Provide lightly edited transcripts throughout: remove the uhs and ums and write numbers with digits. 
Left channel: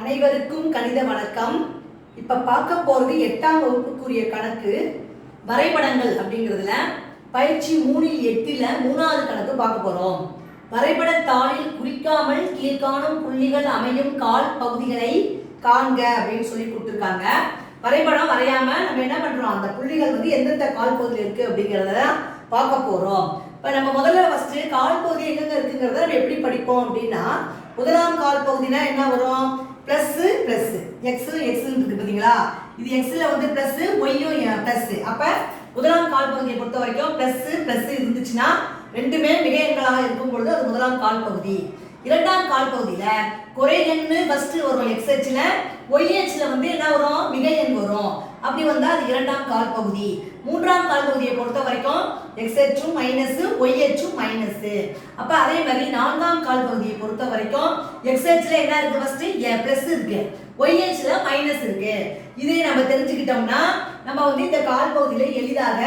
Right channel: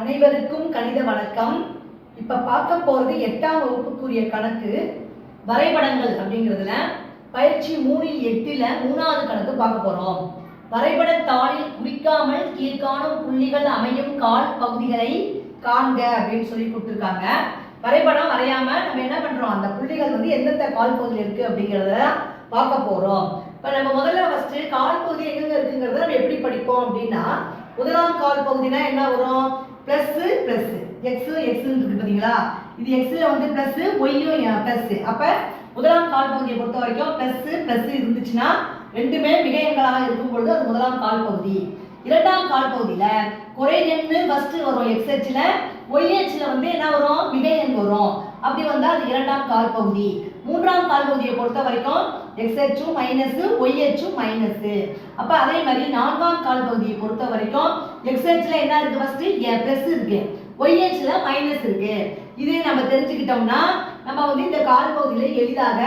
அனைவருக்கும் கணித வணக்கம். இப்போ பார்க்க போகிறது 8ஆம் வகுப்புக்குரிய கணக்கு வரைபடங்கள் அப்படிங்கிறதுல பயிற்சி 3-8ல் 3வது கணக்கு பார்க்க போகிறோம். வரைபட தாளில் குறிக்காமல் கீழ்காணும் புள்ளிகள் அமையும் கால் பகுதிகளை காண்க அப்படின்னு சொல்லி கொடுத்துருக்காங்க. வரைபடம் வரையாமல் நம்ம என்ன பண்ணுறோம், அந்த புள்ளிகள் எந்தெந்த கால் பகுதியில் இருக்குது அப்படிங்கிறத பார்க்க போகிறோம். இப்போ நம்ம முதல்ல ஃபஸ்ட்டு கால் பகுதி எங்கெங்க இருக்குங்கிறத நம்ம எப்படி படிப்போம் அப்படின்னா, முதலாம் கால் பகுதினா என்ன வரும், பிளஸ் பிளஸ் எக்ஸ் இருக்கு பார்த்தீங்களா, இது எக்ஸில் பிளஸ் ஒய்யும் பிளஸ். அப்போ முதலாம் கால் பகுதியை பொறுத்த வரைக்கும் பிளஸ் பிளஸ் இருந்துச்சுன்னா ரெண்டுமே மிக எண்களாக இருக்கும் பொழுது அது முதலாம் கால் பகுதி. இரண்டாம் கால் பகுதியில் குறை எண்ணு ஃபஸ்ட்டு வரும் எக்ஸ் ஹெச்சில், ஒய் ஹெச்சில் என்ன வரும், மிக எண் வரும். அப்படி வந்தால் அது இரண்டாம் கால் பகுதி. மூன்றாம் கால் பகுதியை பொறுத்த வரைக்கும் எக்ஸ் ஹெச்சும் மைனஸ் ஒய் ஹெச்சும் மைனஸ். அப்போ அதே மாதிரி நான்காம் கால் பகுதியை பொறுத்த வரைக்கும் எக்ஸ் ஹெச்சில் என்ன இருக்குது, ஃபஸ்ட்டு பிளஸ் இருக்கு, ஒய் ஹெச்சில் மைனஸ் இருக்கு. இதே நம்ம தெரிஞ்சுக்கிட்டோம்னா நம்ம இந்த கால் பகுதியில் எளிதாக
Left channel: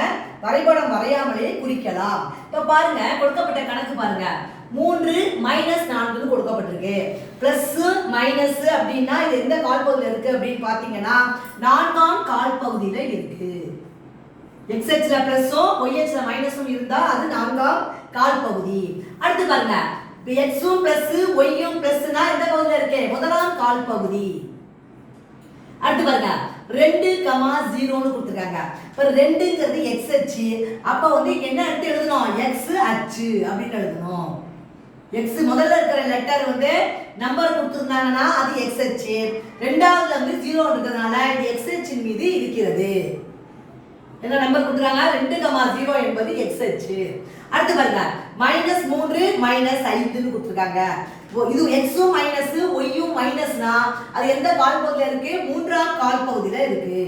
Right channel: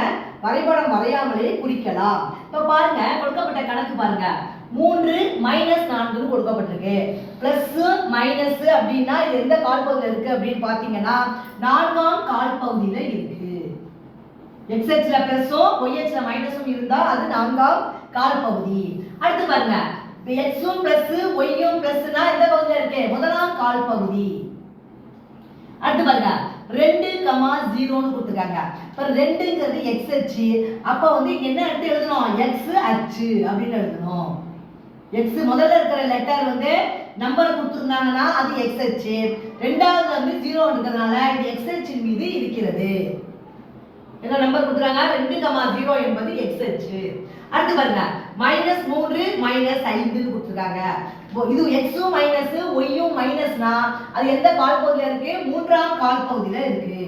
வரைபடம் வரையாமலே குறிக்கலாம். இப்போ பாருங்க, கொடுக்கப்பட்ட கணக்கு பாருங்க, 3 - 4 கொடுக்கப்பட்டிருக்கு. பிளஸ் மைனஸ் அப்படின்னா இது எந்த கால் பகுதியில் இருக்கு அப்படின்னு பார்த்தீங்கன்னா நான்காம் கால் பகுதியில் இருக்கு. எக்ஸ் ஹெச்ல பிளஸும் ஒய் ஹெச்ல மைனஸும் இருந்தால் அது நான்காம் கால் பகுதி. அடுத்து பாருங்க, எக்ஸும் பிளஸ் ஒய்யும் பிளஸ்னா எந்த பகுதியில் இருக்கு, முதலாம் கால் பகுதி. அடுத்து பாருங்க 2,0 கொடுத்துருக்காங்க. இப்போ 2ங்கிறது எக்ஸ் அச்சு. அப்போ என்ன எடுத்து எழுதணும், எக்ஸ் அச்சு அப்படின்னு எழுதணும். எக்ஸ் முதல்ல இருக்கிற லெட்டர் நம்பர் கொடுத்துருந்தாங்கன்னா அது எக்ஸ் அச்சு. ரெண்டாவது 0 இருக்கிறதுனால இது எக்ஸ் அச்சின் மீது இருக்கிறது. என்ன நம்பர் கொடுத்துருக்காங்க, 2,0 என்பது எக்ஸ் அச்சு. அடுத்து பாருங்க -3 - 5 கொடுத்துருக்காங்க. இது எக்ஸும் மைனஸ் ஒய்யும் மைனஸ்னா அது எந்த கால் பகுதியில் இருக்கு, மூன்றாம் கால் பகுதியில் இருக்கு.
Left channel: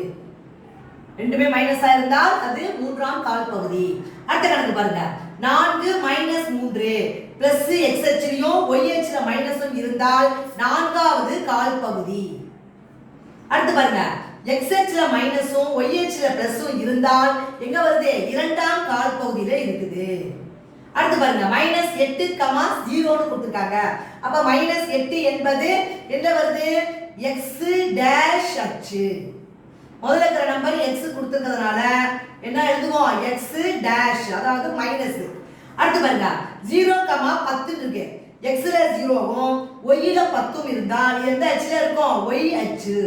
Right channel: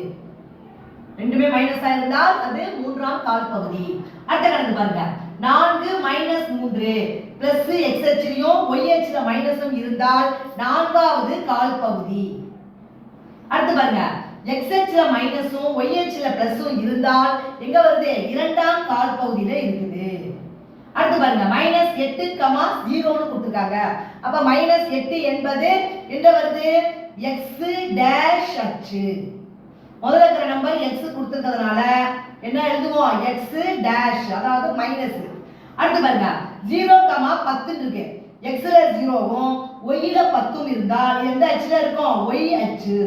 ரெண்டுமே மைனஸா இருந்தால் அது மூன்றாம் கால் பகுதி. அடுத்த கணக்கு பாருங்க, 4 - 3 பிளஸ் எக்ஸ் ஹெச்லயும் ஒய் ஹெச்ல மைனஸும் இருந்தால் நான்காவது கால் பகுதி. அடுத்து பாருங்க, எக்ஸ் ஹெச்ல மைனஸும் ஒய் ஹெச்ல பிளஸும் இருந்தால் எங்க வருது, இரண்டாம் கால் பகுதியில் இருக்குது. அடுத்து பாருங்க, -8,0 கொடுத்துருக்காங்க. அப்ப -8 என்பது என்ன வருது, எக்ஸ் டேஷ் அச்சு. முதல்ல இருக்கிற நம்பர் எக்ஸ் கொடுத்துருக்கிறதுனால என்ன எழுதுவோம், எக்ஸ் டேஷ், அதாவது மைனஸ். அடுத்து பாருங்க 0,10 இருக்கு. எக்ஸ்ல 0வும் ஒய்ல 10ம் இருந்தால் எந்த அச்சுல இருக்கும், ஒய் அச்சு.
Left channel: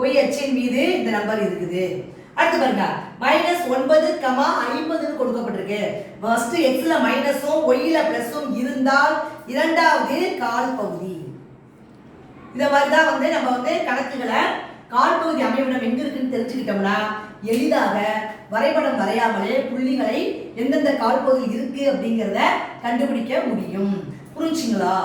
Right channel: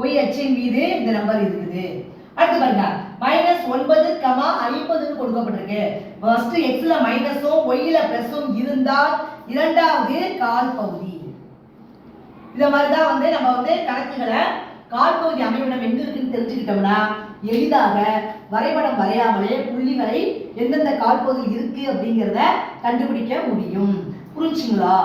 ஒய் அச்சின் மீது இந்த நம்பர் இருக்குது. அடுத்து பாருங்க -9,50 கொடுக்கப்பட்டிருக்கு. ஃபர்ஸ்ட் எக்ஸ்ல மைனஸும் ஒய்ல பிளஸும் இருந்தால் இரண்டாவது கால் பகுதி. இத மாதிரி தான் நம்ம கணக்குகளை கால் பகுதி அமைவிடம் எங்க இருக்குன்னு தெரிஞ்சுக்கிட்டோம்னா எளிதாக வரைபடம் வரையாமலே புள்ளிகளை எந்தெந்த கால் பகுதியில் இருக்கு அப்படிங்கிறத கண்டுபிடிக்க முடியும். புரிஞ்சுங்களா?